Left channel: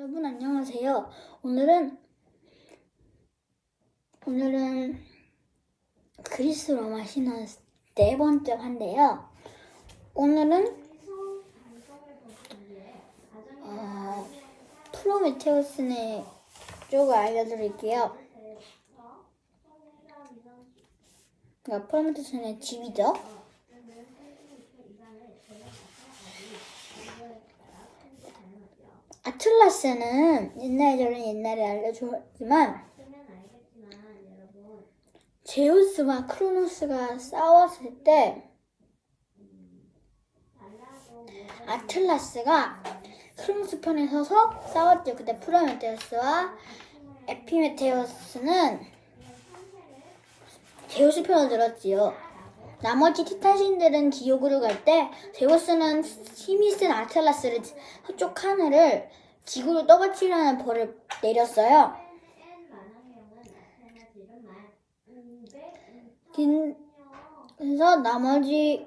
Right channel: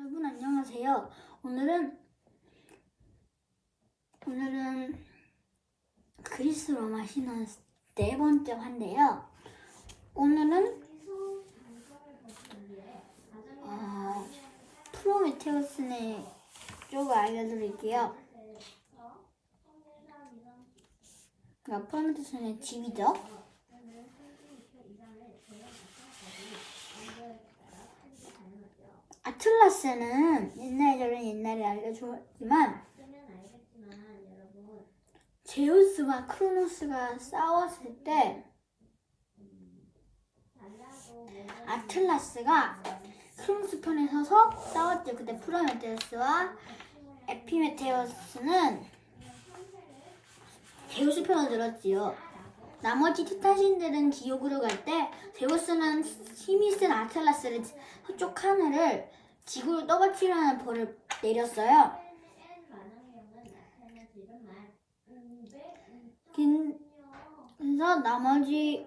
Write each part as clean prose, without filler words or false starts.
여러분 안녕하세요. 오늘은 그리스 로마 신화 네 번째 화인데요. 오늘은 프로메테우스의 쪽을 알려드릴게요. 프로메테우스의 집이죠. 아틀라스는 옛날에 알려주었지만 제우스와 크로노스가 싸웠을 때 아틀라스가 크로노스 편에 서서 싸웠죠. 그때 프로메테우스와 에피메테우스는 제우스 편을 들었지요. 나머지 티탄 신들은 지옥으로 갈 때 제우스는 힘이 센 아틀라스를 서쪽 하늘을 지구로 떠받치려는 벌을 내렸어요.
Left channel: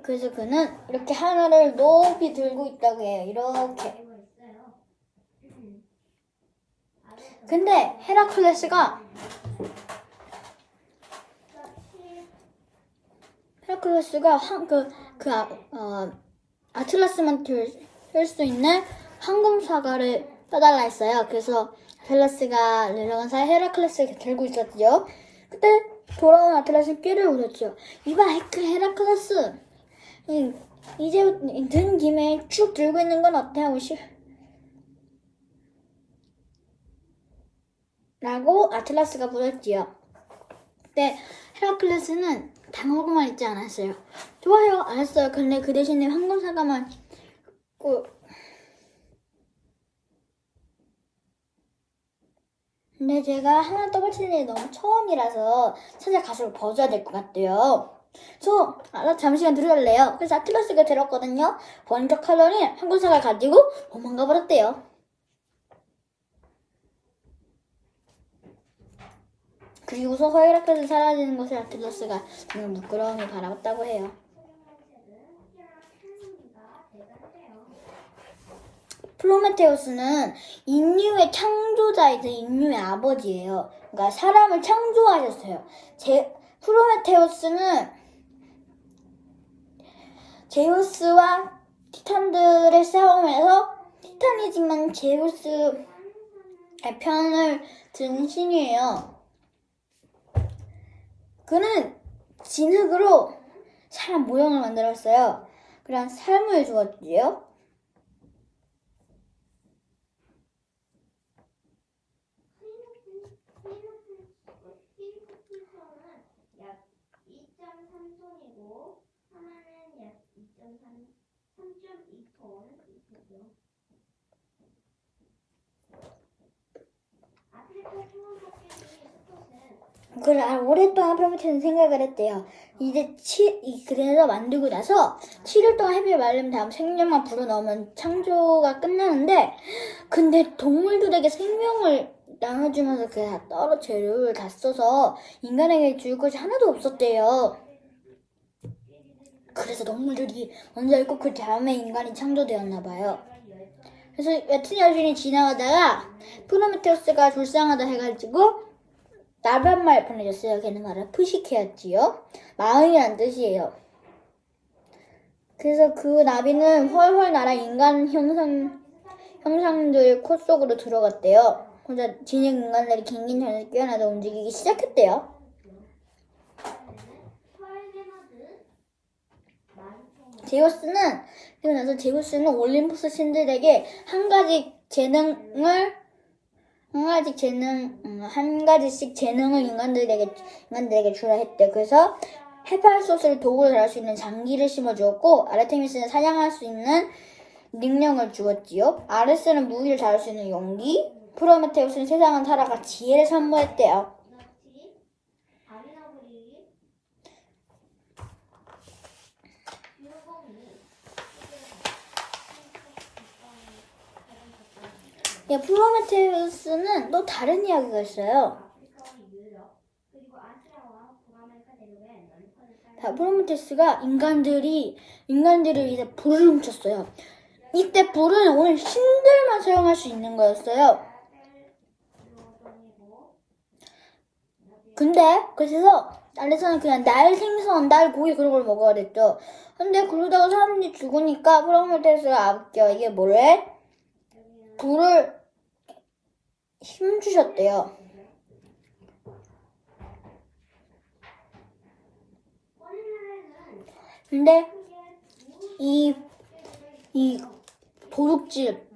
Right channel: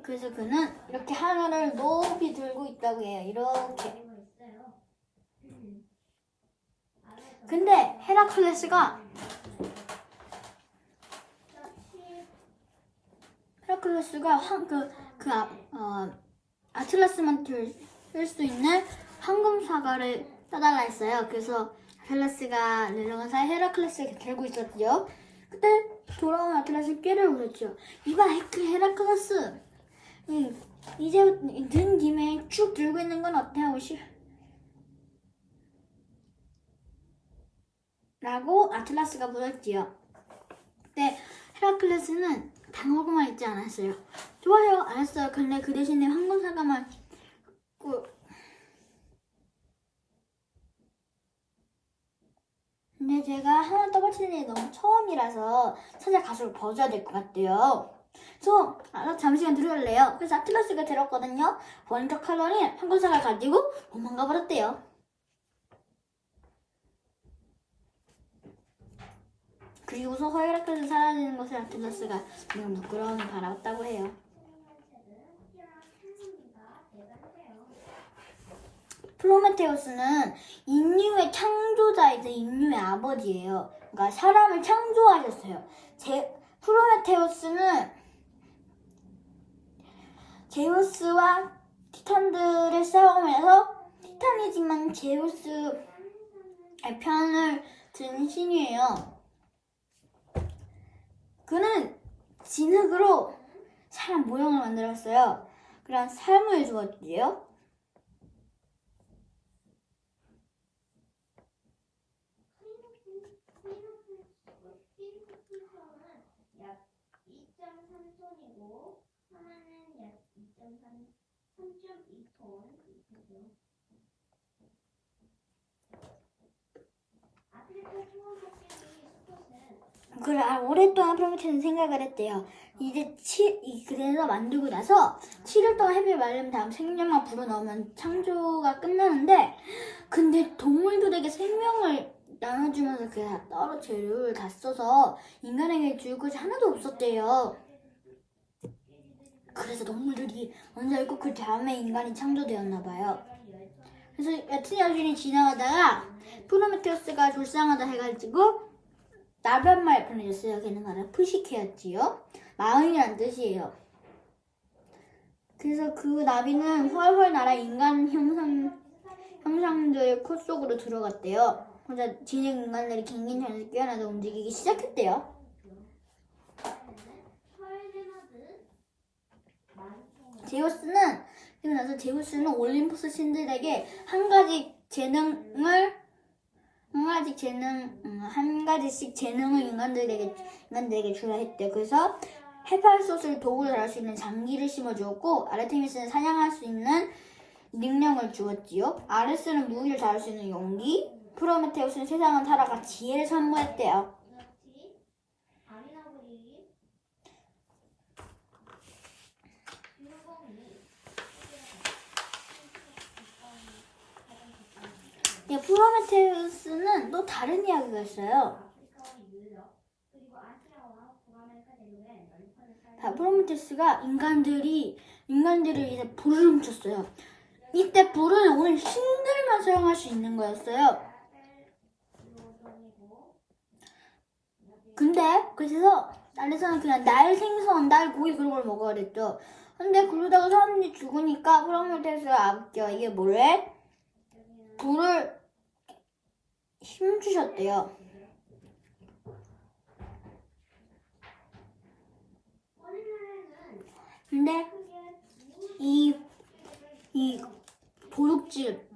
그래서 그는 이렇게 하늘을 높이 들고 있다고 해요. 이렇게. 근데 헤라클레스가 아틀라스만 들 수 있는 황금 사과를 떠달라 했어요. 그래서 아틀라스가 내려간 사이 헤라클레스가 들고 있었죠. 그때 돌아온 아틀라스는 꾀를 부렸죠. 이봐 헤라클레스, 이제 든 김에 쭉 들고 있는 건 어때 하고 라고 아틀라스가 물었지요. 그때 헤라클레스는 당하고만 있지 않았어요. 좋아요, 알았어요. 근데 그 대신에 황금 사과만 근데 제가 하나 떠받치는 일이 너무 처음이라서 찾아가서 벗어야 될 것 같아요. 잠시만 들어갈래요. 그래서 아틀라스가 들었거든요. 먼저 칼론이 황금 사과를 가지고 도망가 버렸대요. 그리고서 헤라클레스 사라지는 것을 아틀라스가 너무 부끄러움을 바라봤다고 해요. 프로메테우스는 인류의 창조자이자 인류의 아버지예요. 그러니까 사람을 창조하셨어요. 프로메테우스는 제우스와 티탄들의 싸움에서 티탄이지만 제우스의 편을 든 신이에요. 그는 진흙으로 사람 모형을 만들었어요. 그런 삶을 주었지요. 약 2.3톤이고 하나는 약 3.2톤 이죠. 오랫동안 프로메테우스는 생각을 했대요. 그래서 만들고 나서 7일 동안 햇빛 마른 다음 생명만 불어넣으면 창조가 끝나는데, 근데 동물들에게 생명을 나눠주면서 그게 다 따로 재료를 다 써서 인간에게 줄 것이 하나도 없었대요. 그래서 동물들이 먼저 있고 그 다음에 인간이 창조되었나봐요. 그래서 여튼 여신이 지나가다가 프로메테우스가 불쌍하다 해가지고 나병말 보내줬어요. 걔는 말을 푸시케였지요. 마음이란 뜻이에요. 그래서 그 나비는 훨훨 날아 인간 형상들 코 속으로 들어갔대요. 혼자 진흙 인간들이 갱긴전을 깨어나서 움직이기 시작했대요. 제우스는 올림푸스 신들에게 한 가지씩 재능을 인간들에게 주라 했대. 그래서 헤팔소스를 도구로 다룰 수 있는 장기를 심어주었고, 아르테미스는 사냥할 수 있는 능력을 주었지요. 아레스는 무기를 다룰 수 있는 용기, 프로메테우스는 세상을 살아가 지혜를 선물했대요. 프로메테우스는 또 다른 이야기가 있어요. 프로메테우스가 인간들을 위해 불을 훔쳤어요. 이때 불은 오늘 신들만 사용할 수 있는 거였어요. 근데 그래서 안에서는 그냥 날 생선, 날 고기 그런 걸 먹어야 됐죠. 근데 그러다가 사람들이 죽으니까 프로메테우스가 아껴 이게 뭐래? 불을 힘주셨대요. 근데 이 도둑질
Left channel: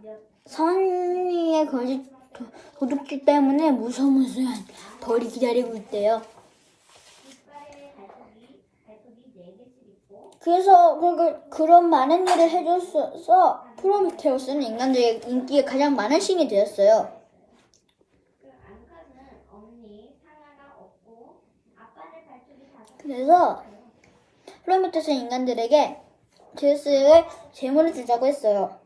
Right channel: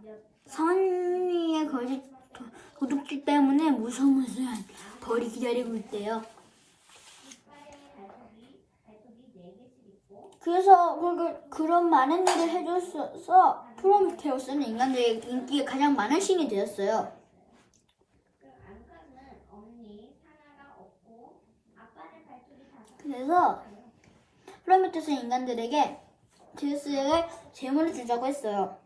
선의의 거짓 도둑질 때문에 무서무서한 벌이 기다리고 있대요. 그래서 그런 많은 일을 해줘서 프로메테우스는 인간들의 인기에 가장 많은 신이 되었어요. 그래서 프로메테우스는 인간들에게 제우스에게 재물을 주자고 했어요.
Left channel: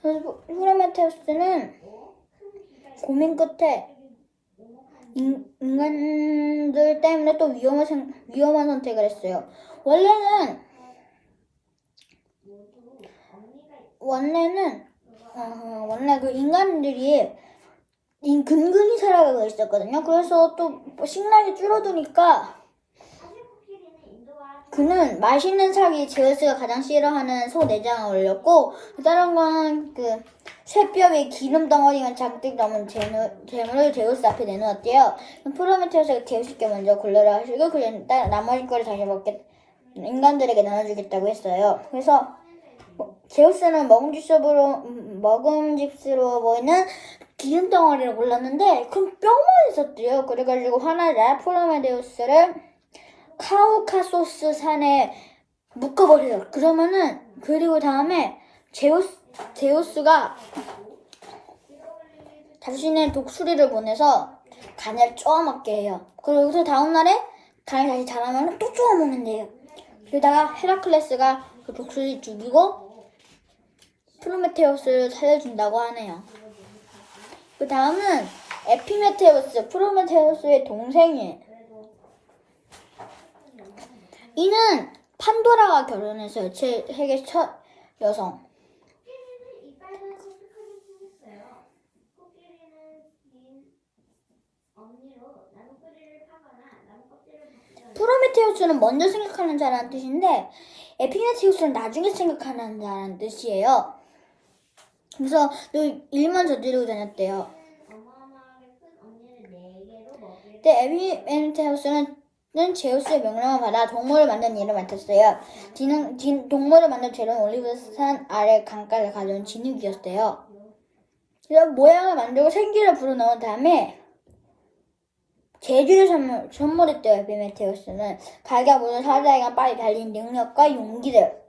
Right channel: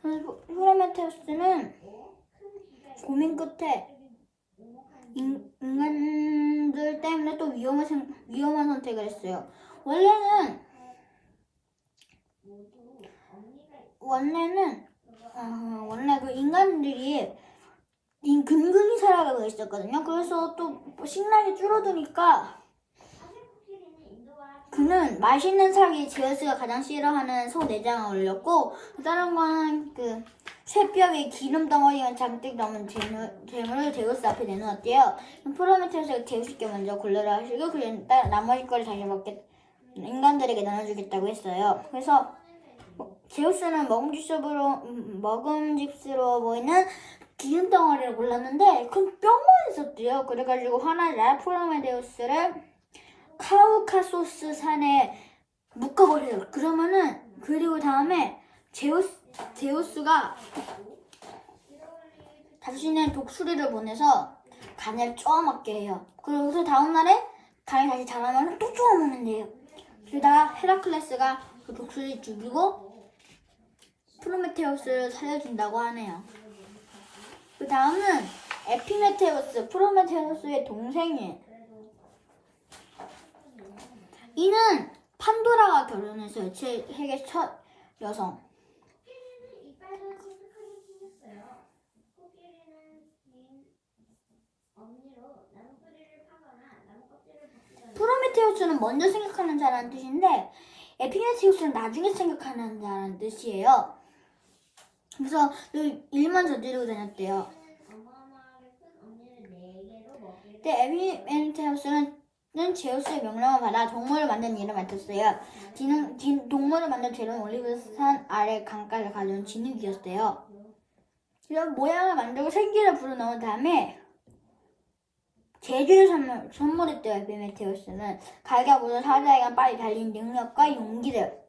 그래서 프로메테우스는 고민 끝에 인간들 때문에 또 위험한 선택을 했어요. 원래 그 인간들이 근근히 살아가고 있었거든요. 그래서 또 식량이 줄어드니까 그는 맛있는 사기 제우스가 가장 싫어하는 소 내장을 올렸고 다른 거는 그 쇠뼈에 기름 덩어리만 잔뜩 남은 재물을 제우스 앞에 내놓았대요. 프로메테우스가 제우스께 먼저 굴러라 하시고 그는 나머지 거를 다시 인간들에게 나눠주겠다고 했어요. 그래서 제우스는 먹음직스러워 보이는 기름 덩어리를 골랐는데 큰 뼈만 있었대요. 그래가지고 화나자 프로메테우스를 카우카소스 산에 묶어버려요. 그리고 다음에 제우스가 자신의 독수리를 보내서 간을 쪼아먹게 해요. 그리고 다음날에 간이 다시 자라면 또 쪼아먹는데요. 그러다가 헤라클레스가 그 독수리 죽이고 프로메테우스를 살려준다고 하네요. 그 다음은 에피메테우스, 프로메테우스의 동생이에요. 이는 판도라가 결혼해서 세계 첫 여성. 프로메테우스는 먼저 생각하는 자라는 뜻인데 에피메테우스는 나중에 생각하는 자라는 뜻이에요. 그래서 늘 일만 저지르고 다녔대요. 근데 에피메테우스는 제우스의 명령을 받아 동물을 만든 일을 맡았어요. 동물을 만든 죄는 올리브산 아래 강가를 가져온 진흙이었대요. 이런 모양을 만들고 생기를 불어넣은 다음에 제주를 선물했대요. 에피메테우스는 갈가 모든 사자에게 빨리 달린 능력과 용기를,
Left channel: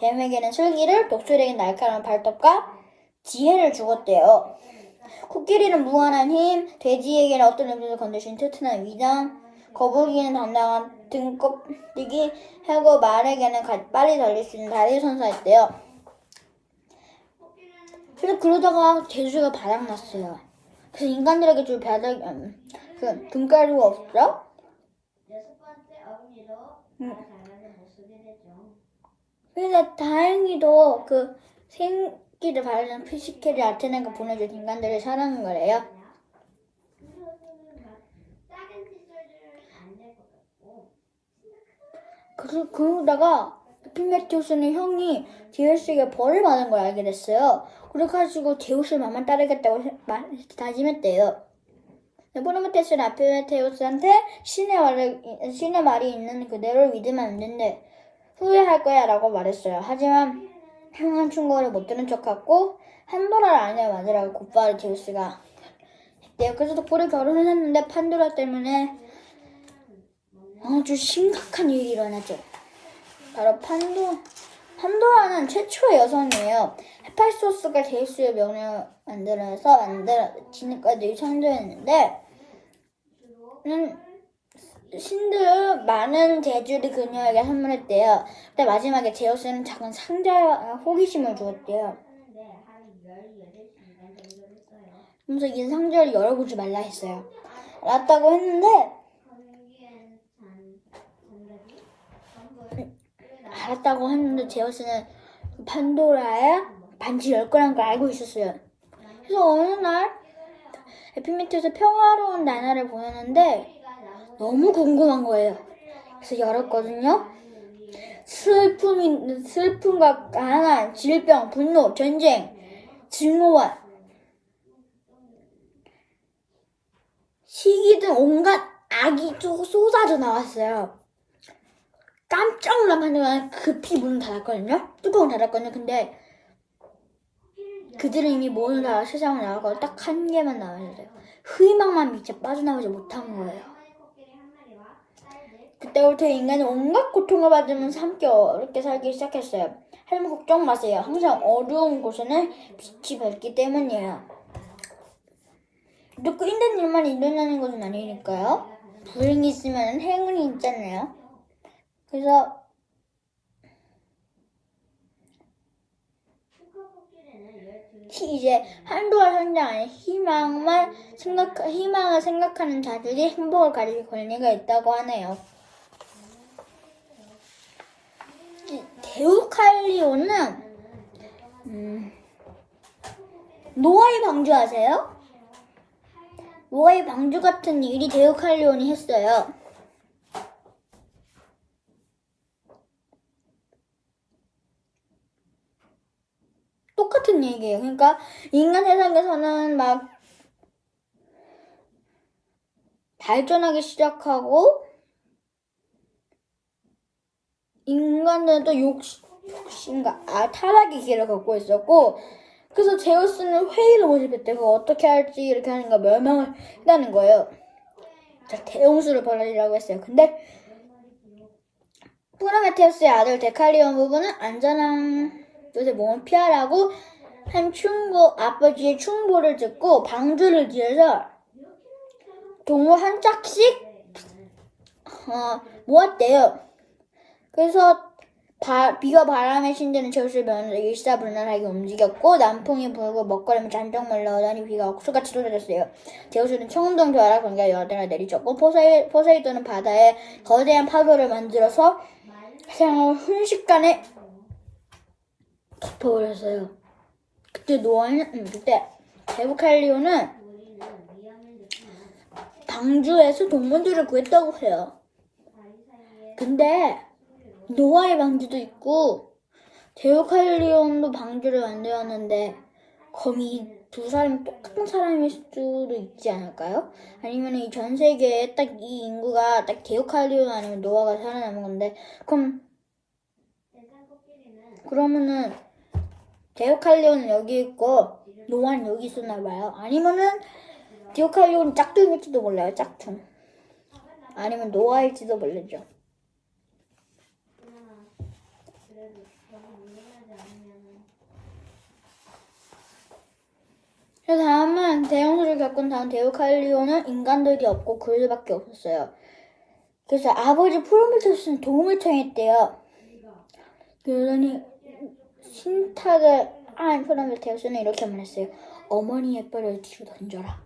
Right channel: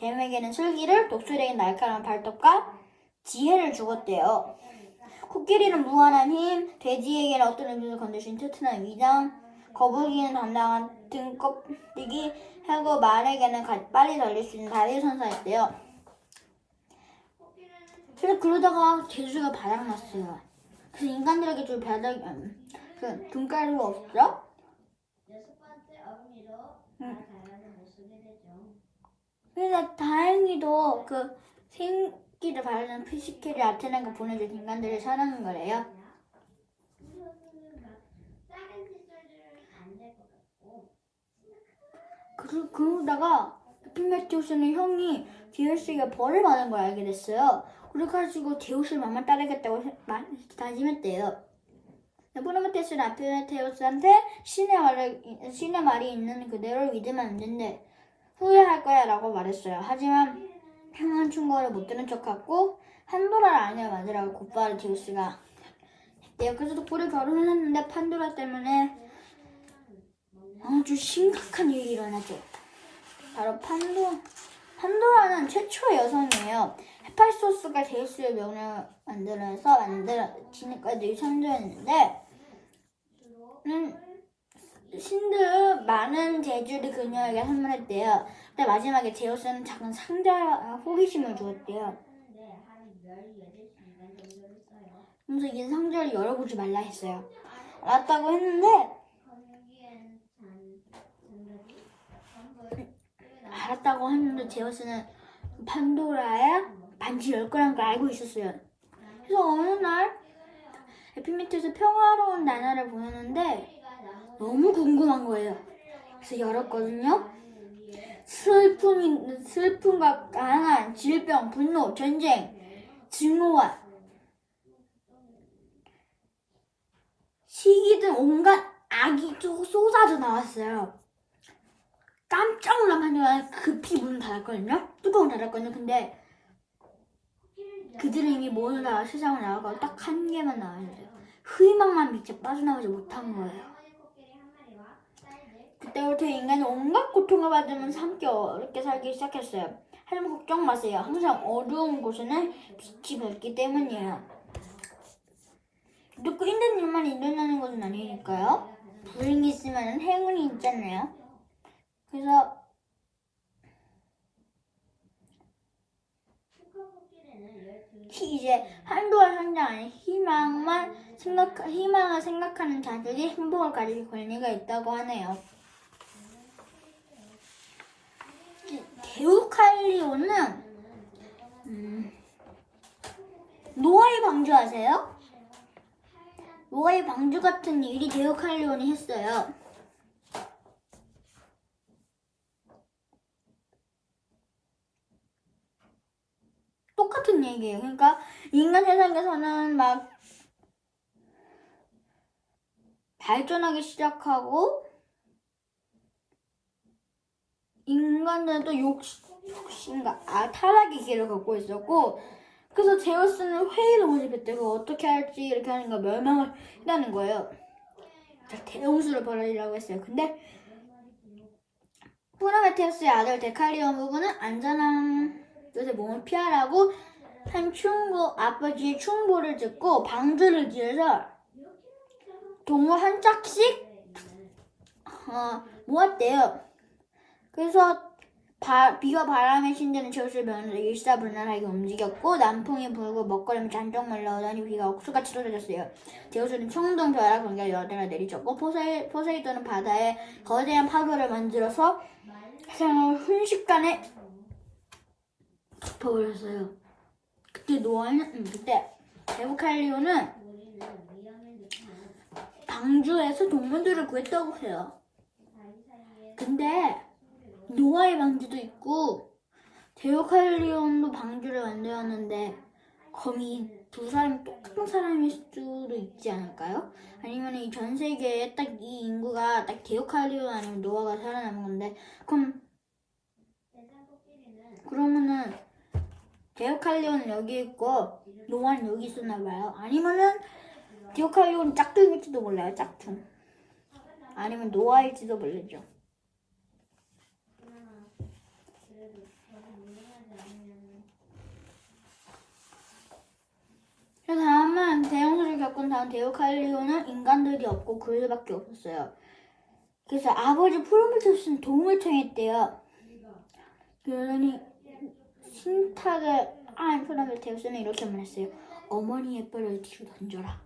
뱀에게는 슬기를, 독수리에게는 날카로운 발톱과 지혜를 주었대요. 코끼리는 무한한 힘, 돼지에게는 어떤 음식을 건들 수 있는 튼튼한 위장, 거북이는 단단한 등껍데기 하고 말에게는 빨리 달릴 수 있는 다리를 선사했대요. 그래서 그러다가 제주가 바닥났어요. 그래서 인간들에게 줄 그 등가루가 없죠? 그래서 다행히도 그 생기를 바르는 피시케를 아테네가 보내준 인간들을 사랑한 거래요. 그러다가 에피메테우스는 형이 제우스에게 벌을 받은 걸 알게 됐어요. 그래가지고 제우스를 만만 따르겠다고 다짐했대요. 프로메테우스는 에피메테우스한테 신의 말이 있는 그대로 믿으면 안 된대. 후회할 거야 라고 말했어요. 하지만 형은 충고를 못 들은 척하고 판도라를 아내를 맞으라고 곧바로 제우스가 했대요. 그래서 덕분에 결혼을 했는데 판도라 때문에 아주 심각한 일이 일어나죠. 바로 판도라는 최초의 여성이에요. 헤파이소스가 제우스의 명령을 만들어서 지금까지 창조했는데 신들은 많은 재주를 그녀에게 선물했대요. 근데 마지막에 제우스는 작은 상자와 호기심을 주었대요. 그래서 이 상자를 열어보지 말라 했어요. 알았다고 했는데 제우스는 판도라의 반지 열 거라는 걸 알고 있었어요. 그래서 어느 날 에피미트에서 평화로운 나날을 보냈는데 너무 궁금한 거예요. 그래서 열었거든요. 슬픔과 가난, 질병, 분노, 전쟁, 증오와 시기 등 온갖 악이 쏟아져 나왔어요. 깜짝 놀란 급히 문을 닫았거든요. 뚜껑을 닫았거든요. 근데 그들은 이미 문을 닫아 세상을 나가고 딱 한 개만 남았어요. 희망만 미쳐 빠져나오지 못한 거예요. 그때부터 인간은 온갖 고통을 받으면서 함께 어렵게 살기 시작했어요. 하지만 걱정 마세요. 항상 어두운 곳에는 빛이 밝기 때문이에요. 믿고 힘든 일만 일어나는 것은 아니니까요. 불행이 있으면 행운이 있잖아요. 그래서 이제 한도와 성장 안에 희망을 생각하는 자들이 행복을 가질 권리가 있다고 하네요. 데우칼리오는 노아의 방주 아세요? 노아의 방주 같은 일이 데우칼리온이 했어요. 똑같은 얘기예요. 그러니까 인간 세상에서는 막 발전하기 시작하고 인간들은 또 욕심과 타락의 길을 걷고 있었고, 그래서 제우스는 회의를 모집했대요. 어떻게 할지 이렇게 하니까 멸망을 한다는 거예요. 자, 대홍수를 벌이라고 했어요. 근데 프로메테우스의 아들 데칼리온 부부는 안전한 곳에 몸을 피하라고 한 아버지의 충고를 듣고 방주를 지어서 동물 한 짝씩 모았대요. 그래서 비와 바람의 신들은 제우스를 면으로 일사불란하게 움직였고 남풍이 불고 먹거리면 잔뜩 물러오더니 비가 억수같이 쏟아졌어요. 제우스는 청운동 벼락 번개가 여대를 내리쳤고 포세이돈은 바다에 거대한 파도를 만들어서 세상을 순식간에 덮어버렸어요. 그때 데우칼리오는 방주에서 동물들을 구했다고 해요. 근데 노아의 방주도 있고 데우칼리온도 방주를 만들었는데 거미 두 사람이 똑같은 사람일 수도 있지 않을까요? 아니면 이 전 세계에 딱 이 인구가 딱 데우칼리온 아니면 노아가 살아남은 건데 그러면은 데우칼리온은 여기 있고 노아는 여기 있었나 봐요. 아니면은 데우칼리온이 짝퉁일지도 몰라요. 짝퉁. 아니면 노아일지도 모르죠. 그래서 다음은 대홍수를 겪은 다음 데우칼리오는 인간들이 없고 그들밖에 없었어요. 그래서 아버지 프로메테우스는 도움을 청했대요. 그러니 신탁을 한 프로메테우스는 이렇게 말했어요. 어머니의 뼈를 뒤로 던져라.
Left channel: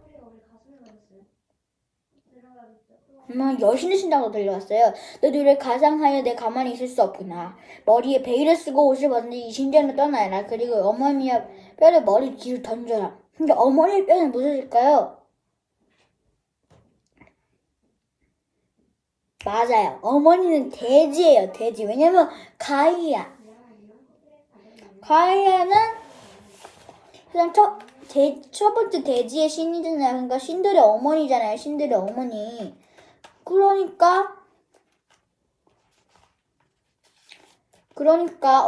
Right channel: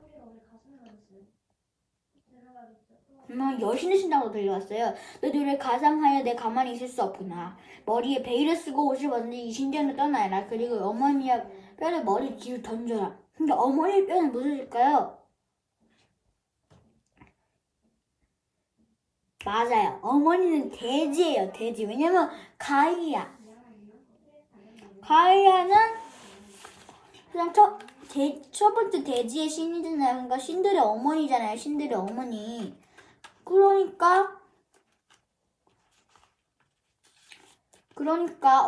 여신의 신당으로 들려왔어요. 너희를 가상하여 내 가만히 있을 수 없구나. 머리에 베일을 쓰고 옷을 벗은 이 신전을 떠나라. 그리고 어머니의 뼈를 머리 뒤로 던져라. 근데 어머니의 뼈는 무엇일까요? 맞아요. 어머니는 돼지예요. 돼지. 왜냐면 가이아는 그냥 첫 번째 돼지의 신이잖아요. 그러니까 신들의 어머니잖아요. 신들의 어머니. 그러니까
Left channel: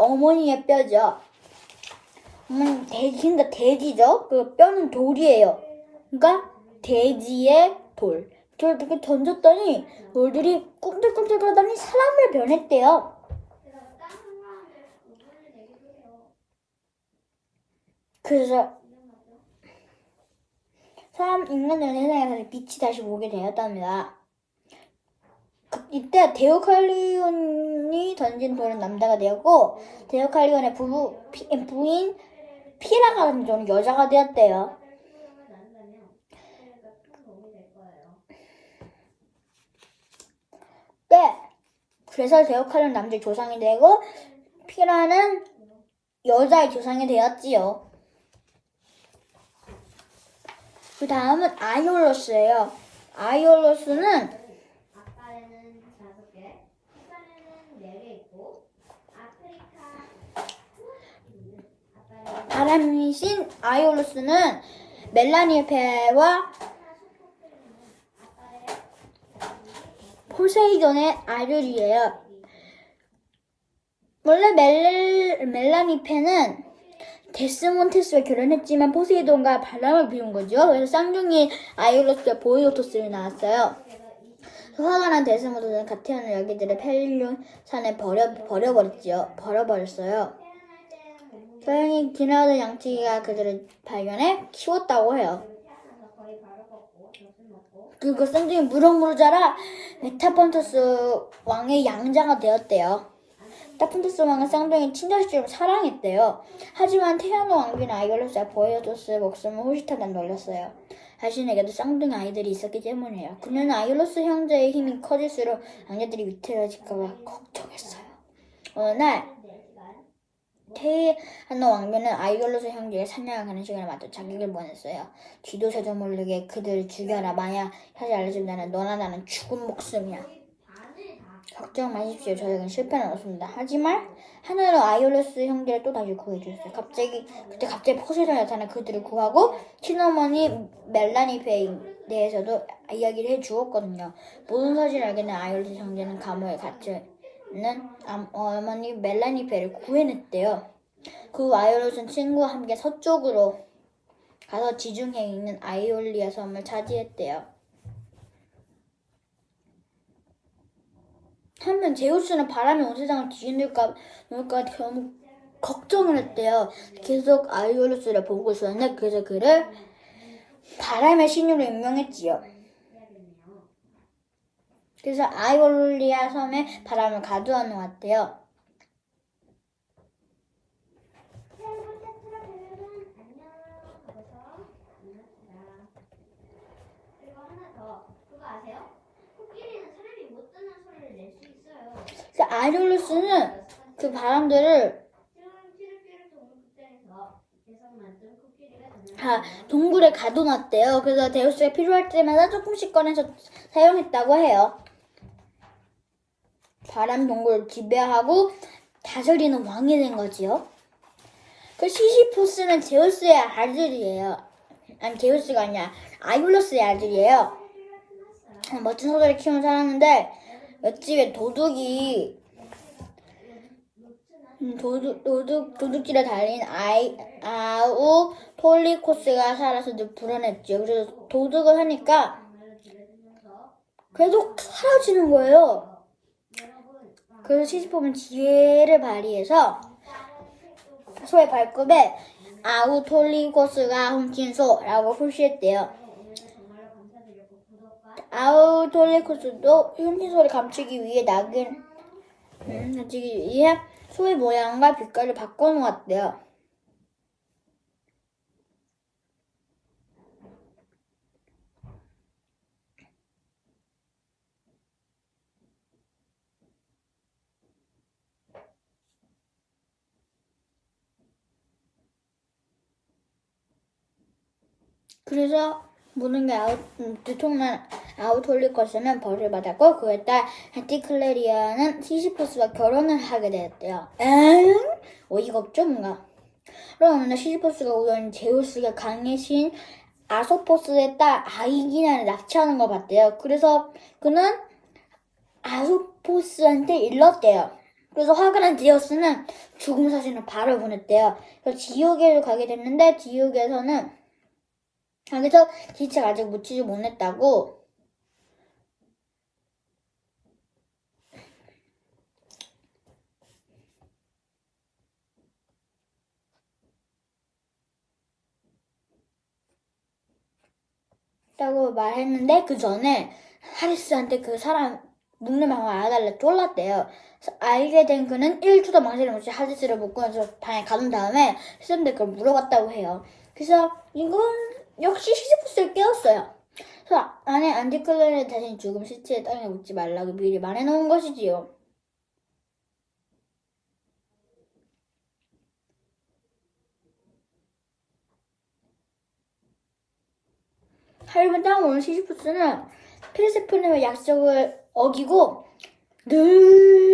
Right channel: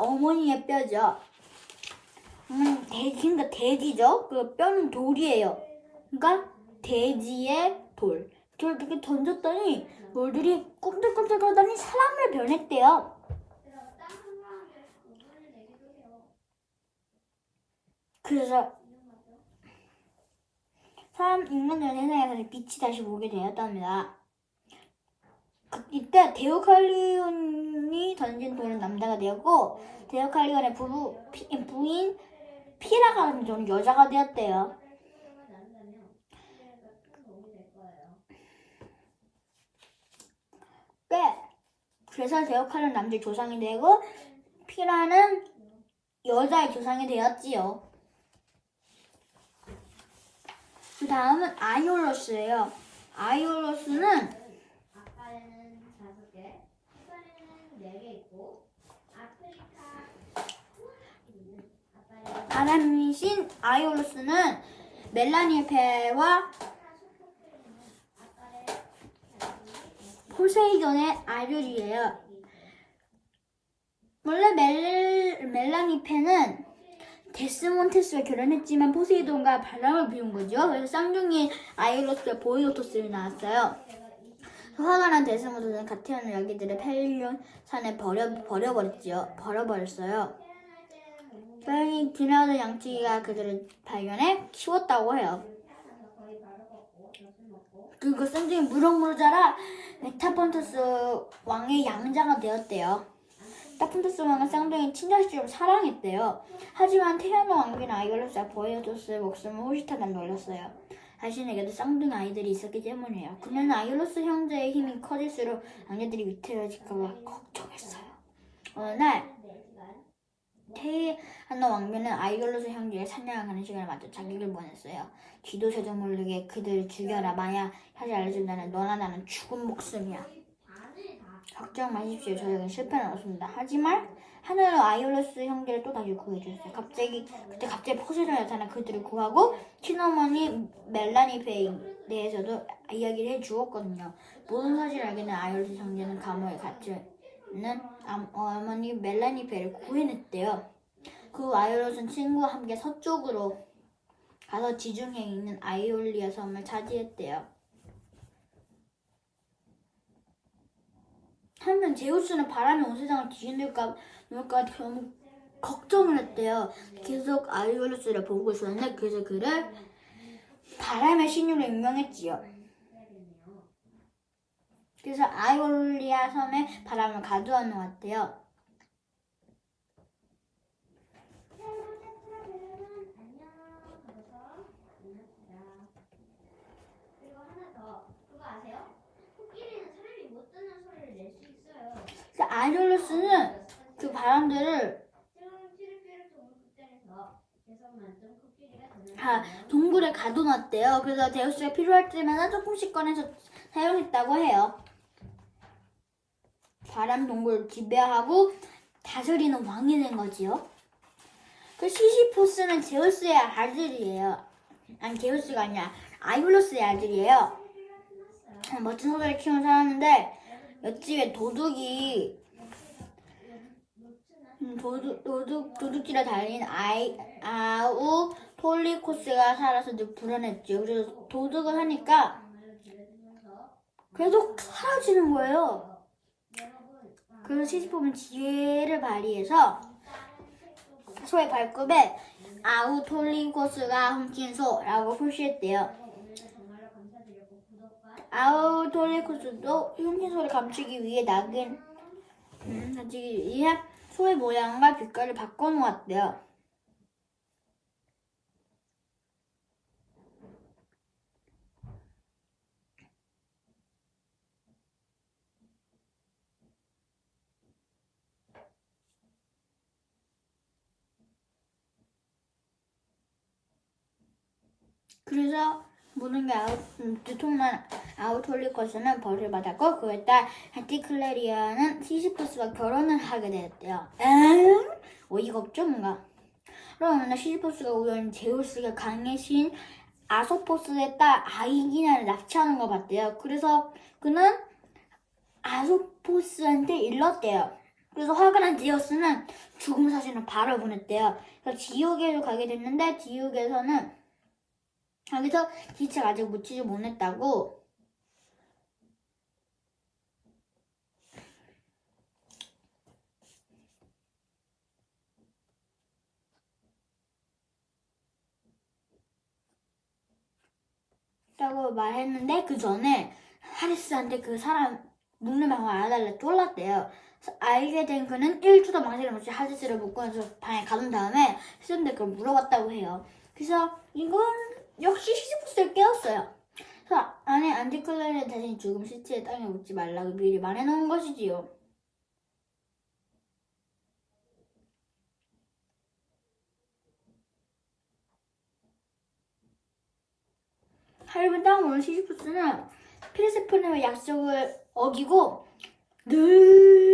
어머니의 뼈죠. 그러니까 돼지죠. 그 뼈는 돌이에요. 그러니까 돼지의 돌. 이렇게 던졌더니 돌들이 꿈틀꿈틀거리더니 사람을 변했대요. 그래서 인간들은 세상에 빛이 다시 보게 되었답니다. 이때 데오칼리온이 던진 돌은 남자가 되었고 데오칼리온의 부인 피라가 던진 여자가 되었대요. 네, 그래서 데오칼리온 남자의 조상이 되고 피라는 여자의 조상이 되었지요. 그 다음은 아이올로스예요. 아이올로스는 바람의 신 아이올로스는 멜라니페와 포세이돈의 아들이에요. 원래 멜라니페는 데스몬테스와 결혼했지만 포세이돈과 바람을 피운 거죠. 그래서 쌍둥이 아이올로스와 보이오토스를 낳았어요. 화가 난 데스몬테스는 가티언을 여기들의 펠리온산에 버려버렸어요. 다행히 디나드 양치기가 그들을 발견해 키웠다고 해요. 그리고 쌍둥이 무럭무럭 자라 메타폰토스 왕의 양자가 되었대요. 메타폰토스 왕은 쌍둥이 친자식처럼 사랑했대요. 하지만 태어난 왕비는 아이올로스와 보이오토스의 목숨을 호시타단 놀렸어요. 자신에게도 쌍둥이 아이들이 있었기 때문이에요. 그는 아이올로스 형제의 힘이 커질수록 양자들이 위태로워질까봐 걱정했어요. 어느 날 태어난 왕비는 아이올로스 형제의 사냥을 가는 시간을 맞춰 자격을 보냈어요. 뒤도 새도 모르게 그들을 죽여라. 만약 사실 알려준다면 너나 나는 죽은 목숨이야. 걱정 마십시오. 저에겐 실패는 없습니다. 하지만 하늘은 아이올로스 형제를 또 다시 구해주셨어요. 그때 갑자기 포세이돈이 나타나 그들을 구하고 친어머니 멜라니페에 대해서도 이야기를 해주었거든요. 모든 사실을 알게 된 아이올로스 형제는 감옥에 갇혀있는 어머니 멜라니페를 구해냈대요. 그 아이올로스는 친구와 함께 서쪽으로 가서 지중해에 있는 아이올리아 섬을 차지했대요. 한편 제우스는 바람이 온 세상을 뒤흔들까 너무 걱정을 했대요. 계속 아이올로스를 보고 있었는데 그래서 그를 바람의 신으로 임명했지요. 그래서 아이올리아 섬에 바람을 가두어 놓았대요. 아이올로스는 그 바람들을 동굴에 가둬놨대요. 그래서 데우스가 필요할 때마다 조금씩 꺼내서 사용했다고 해요. 바람 동굴을 지배하고 다스리는 왕이 된 거지요. 그 시시포스는 제우스의 아들이에요. 아니 제우스가 아니라 아이올로스의 아들이에요. 멋진 소들을 키우며 살았는데 옆집에 도둑질에 달린 아우톨리코스가 살아서 늘 불안했죠. 그래서 도둑을 하니까 계속 사라지는 거예요. 그래서 시시폼은 지혜를 발휘해서 소의 발굽에 아우톨리코스가 훔친 소라고 표시했대요. 아우톨리코스도 훔친 소를 감추기 위해 소의 모양과 빛깔을 바꿔놓았대요. 그래서 모든 게 두통난 아우톨리코스는 벌을 받았고 그에 따라 안티클레리아는 시시포스와 결혼을 하게 되었대요. 어이가 없죠 뭔가. 그럼 어느 날 시시포스가 우연히 제우스가 강해신 아소포스의 딸 아이기나를 납치하는 걸 봤대요. 그래서 그는 아소포스한테 일렀대요. 그래서 화가 난 디오스는 죽음 사진을 바로 보냈대요. 그래서 지옥에 가게 됐는데 지옥에서는 여기서 기차가 아직 묻히지 못했다고. 라고 말했는데 그 전에 하리스한테 그 사람 묵는 방법을 알아달라 쫄랐대요. 그래서 알게 된 그는 1초도 망설임 없이 하디스를 묶으면서 방에 가둔 다음에 시즌들 그걸 물어봤다고 해요. 그래서 이건 역시 시지푸스를 깨웠어요. 그래서 아내 안티클레는 대신 죽음 시체에 땅에 묻지 말라고 미리 말해놓은 것이지요. 하지만 다음 오는 시지푸스는 페르세포네와 약속을 어기고 늙을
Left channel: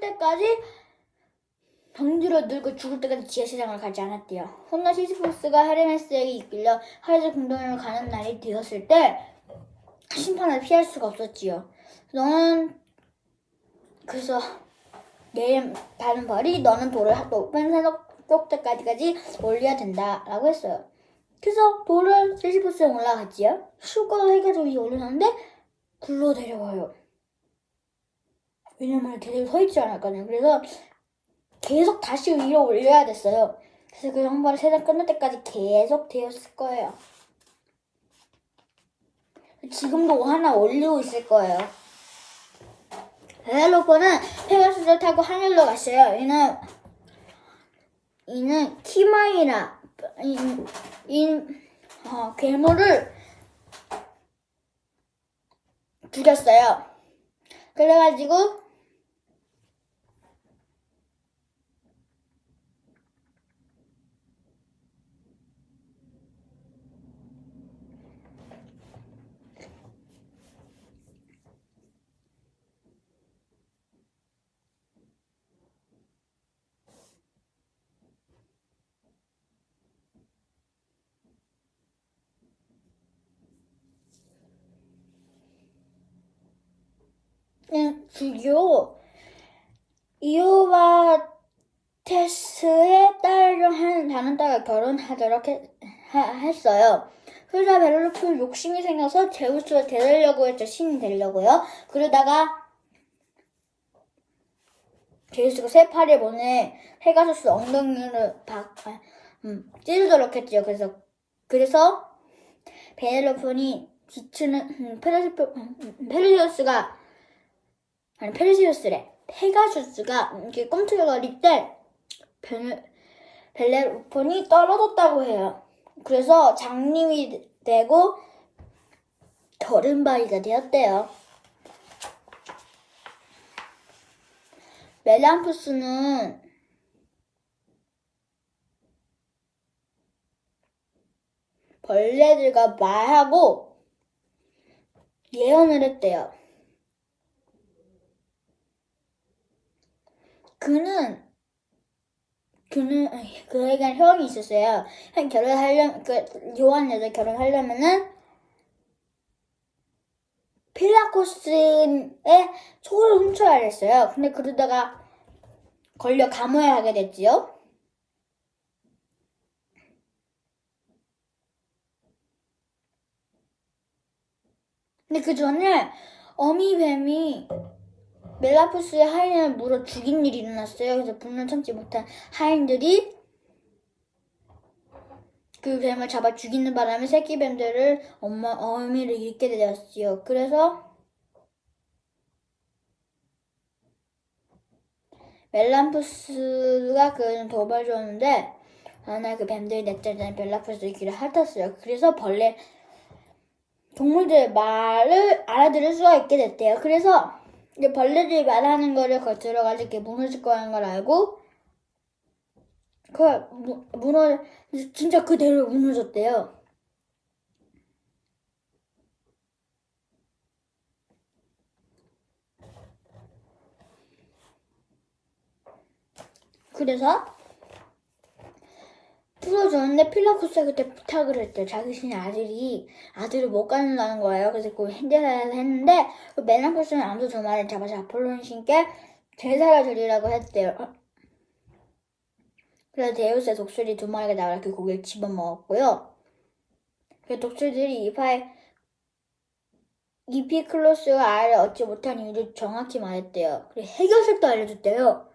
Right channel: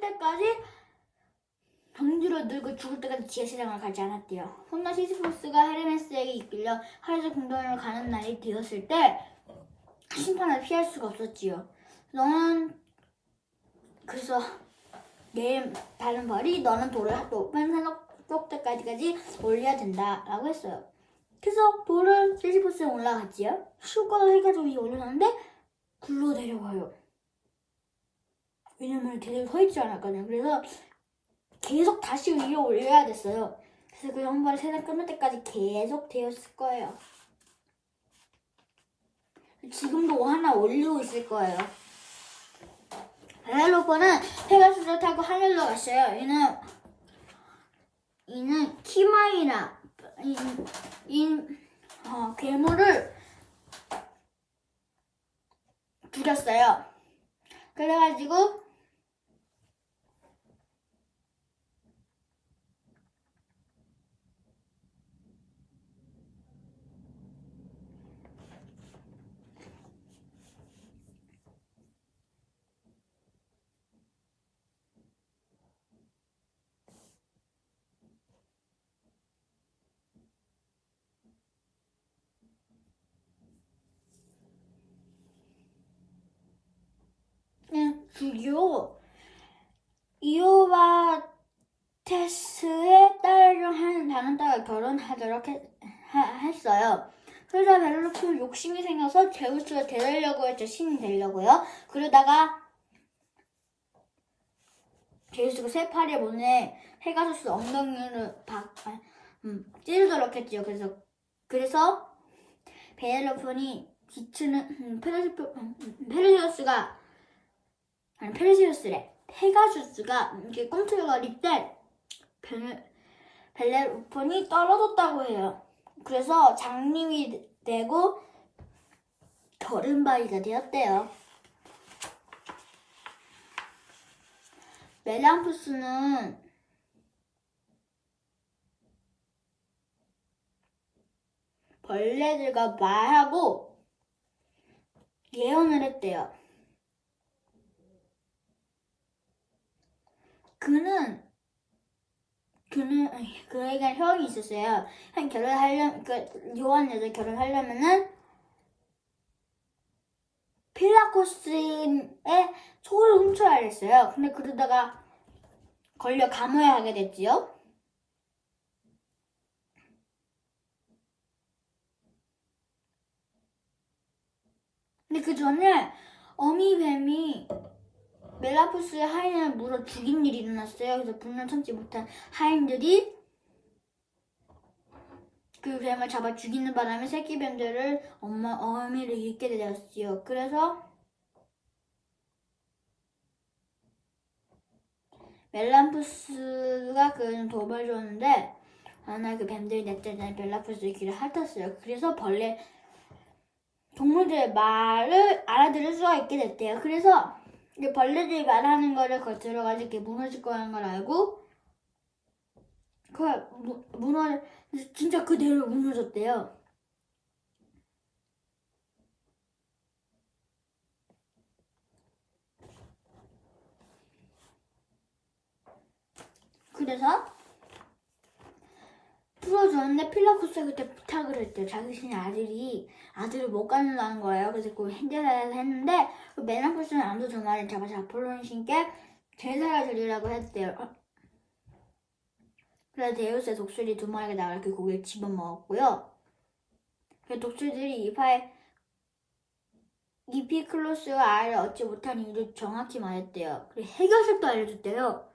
때까지 병들어 늙고 죽을 때까지 지하실장을 가지 않았대요. 훗날 시지푸스가 헤르메스에게 이끌려 하이드 궁전으로 가는 날이 되었을 때 심판을 피할 수가 없었지요. 너는 그래서 내일 받은 벌이 너는 돌을 높은 산업 꼭대까지 올려야 된다라고 했어요. 그래서 돌을 시지푸스에 올라갔지요. 슈가 해가지고 위에 올려놨는데 굴러 내려와요. 왜냐면 제대로 서 있지 않았거든요. 그래서 계속 다시 위로 올려야 됐어요. 그래서 그 형벌이 세상 끝날 때까지 계속 되었을 거예요. 지금도 하나 올리고 있을 거예요. 벨로폰은 페가수스를 타고 하늘로 갔어요. 이는 키마이라 괴물을 죽였어요. 그래가지고 주요 이오바테스의 딸을 하는 다른 딸과 결혼하도록 했어요. 그러다 베를로폰은 욕심이 생겨서 제우스를 데리려고 했죠. 신이 되려고요. 그러다가 제우스가 세 팔을 보내 페가수스 엉덩이를 찌르도록 했죠. 그래서 베를로폰이 지치는 페가수스가 이렇게 꿈틀거릴 때 벨레로폰이 떨어졌다고 해요. 그래서 장님이 되고 겨른바위가 되었대요. 멜람푸스는 벌레들과 말하고 예언을 했대요. 그에게 형이 있었어요. 요한 여자 결혼하려면은 필라코스의 소를 훔쳐야 했어요. 근데 그러다가 걸려 감옥에 가게 됐지요. 근데 그 전에 어미뱀이 멜라푸스의 하인을 물어 죽인 일이 일어났어요. 그래서 분노를 참지 못한 하인들이 그 뱀을 잡아 죽이는 바람에 새끼 뱀들을 어미를 잃게 되었지요. 그래서 멜라푸스가 그를 도와줬는데 하나 그 뱀들이 냈잖아요. 멜라푸스의 귀를 핥았어요. 그래서 동물들의 말을 알아들을 수가 있게 됐대요. 그래서 이제 벌레들이 말하는 거를 거들어가지고 이렇게 무너질 거라는 걸 알고 진짜 그대로 무너졌대요. 그래서 풀어줬는데 필라쿠스가 그때 부탁을 했대요. 자신의 아들을 못 갖는다는 거예요. 그래서 그걸 해결하려 했는데 멜라푸스는 아무도 저 말을 잡아서 아폴로니 신께 제사를 드리라고 했대요. 그래서 데우스의 독수리 2마리가 나와 그 고기를 집어먹었고요. 그 독수리들이 이피클로스가 알을 얻지 못한 이유를 정확히 말했대요. 그리고 해결책도 알려줬대요.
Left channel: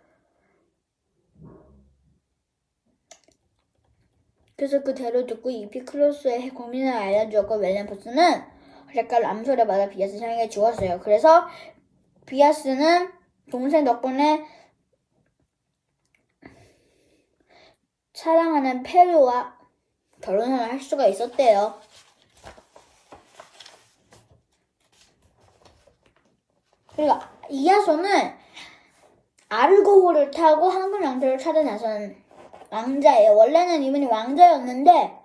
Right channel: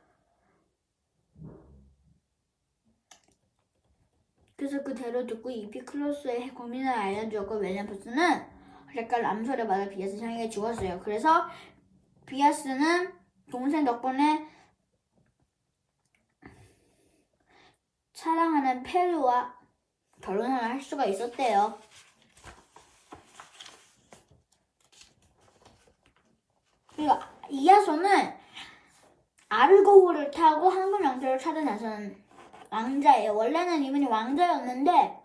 그래서 그 대로 듣고 이피클로스의 고민을 알려주었고 멜라푸스는 색깔 암소를 받아 비아스 상에게 주었어요. 그래서 비아스는 동생 덕분에 사랑하는 페르와 결혼을 할 수가 있었대요. 그리고 이야소는 아르고호를 타고 황금 양털을 찾아 나선 왕자예요. 원래는 이분이 왕자였는데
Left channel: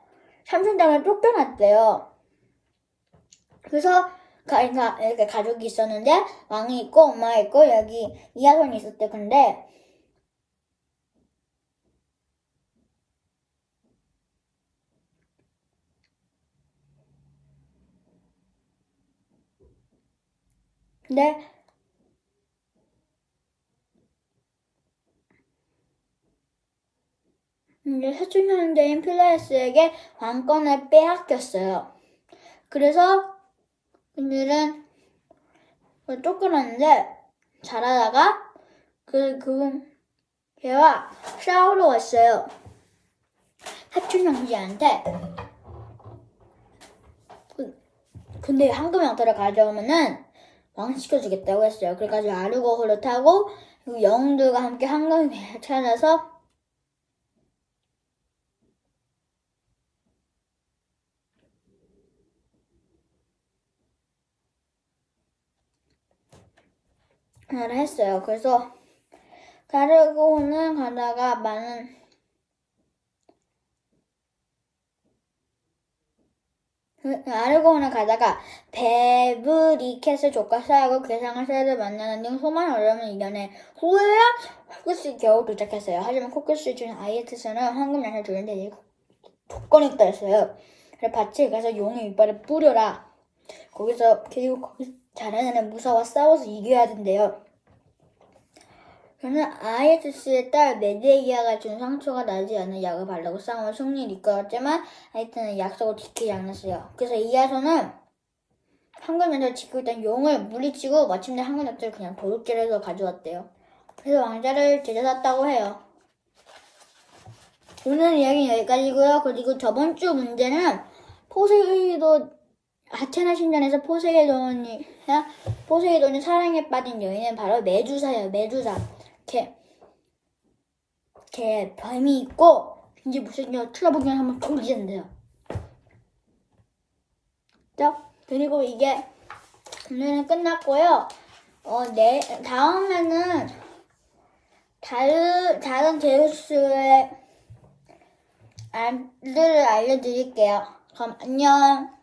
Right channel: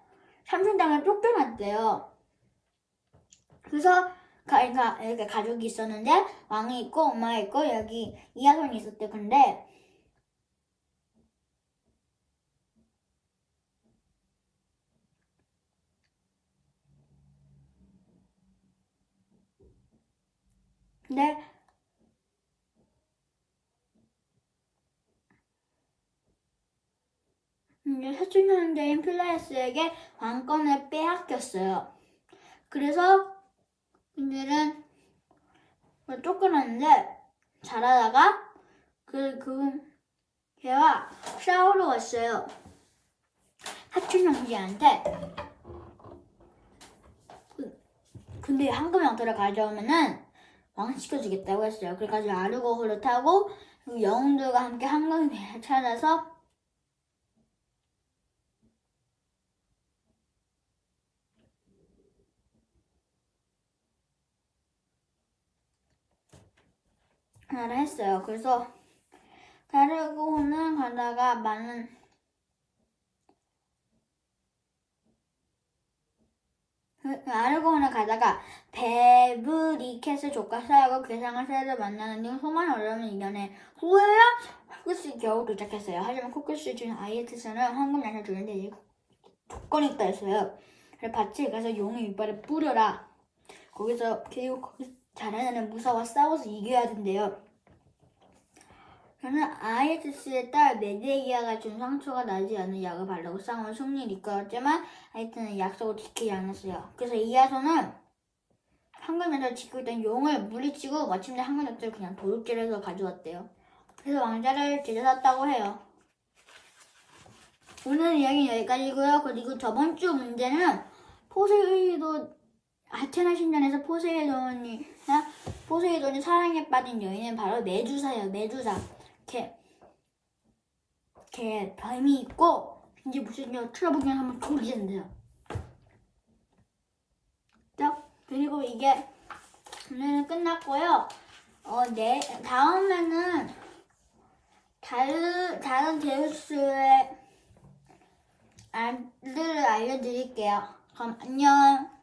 삼촌 때문에 쫓겨났대요. 그래서 이렇게 가족이 있었는데 왕이 있고 엄마가 있고 여기 이야손이 있었대. 근데 사촌 형제인 필라에스에게 왕권을 빼앗겼어요. 그래서 그들은 쫓겨났는데 자라다가 걔와 싸우러 왔어요. 사촌 형제한테. 근데 황금 양털을 가져오면은 왕시켜주겠다고 했어요. 그래가지고 아르고호를 타고 영웅들과 함께 황금을 찾아서 하나를 했어요. 그래서 아르고호는 가다가 베브리켓을 조카 싸우고 괴상한 새를 만나는 등 수많은 어려움을 이겨내 후에야 코크스에 겨우 도착했어요. 하지만 코크스에 주인 아이에트스는 황금 양을 주는데 조건이 있다 했어요. 그래서 밭에 가서 용의 이빨을 뿌려라. 그리고 거기서 자라는 애는 무사와 싸워서 이겨야 된대요. 저는 아이에트스의 딸 메데이아가 준 상처가 나지 않은 약을 바르고 싸움을 승리를 이끌었지만 아이에트스는 약속을 지키지 않았어요. 그래서 이야소는 황금연을 지키고 있던 용을 물리치고 마침내 황금약들을 그냥 도둑질해서 가져왔대요. 그래서 왕자를 제자샀다고 해요. 오늘 이야기는 여기까지고요. 그리고 저번 주 문제는 아테네 신전에서 포세이돈이 사랑에 빠진 여인은 바로 메두사예요. 메두사. 걔 범이 있고 이제 무슨 일 틀어보기만 하면 돌이 된대요. 그리고 이게 오늘은 끝났고요. 다음에는 다른 제우스의 알들을 알려드릴게요. 그럼 안녕.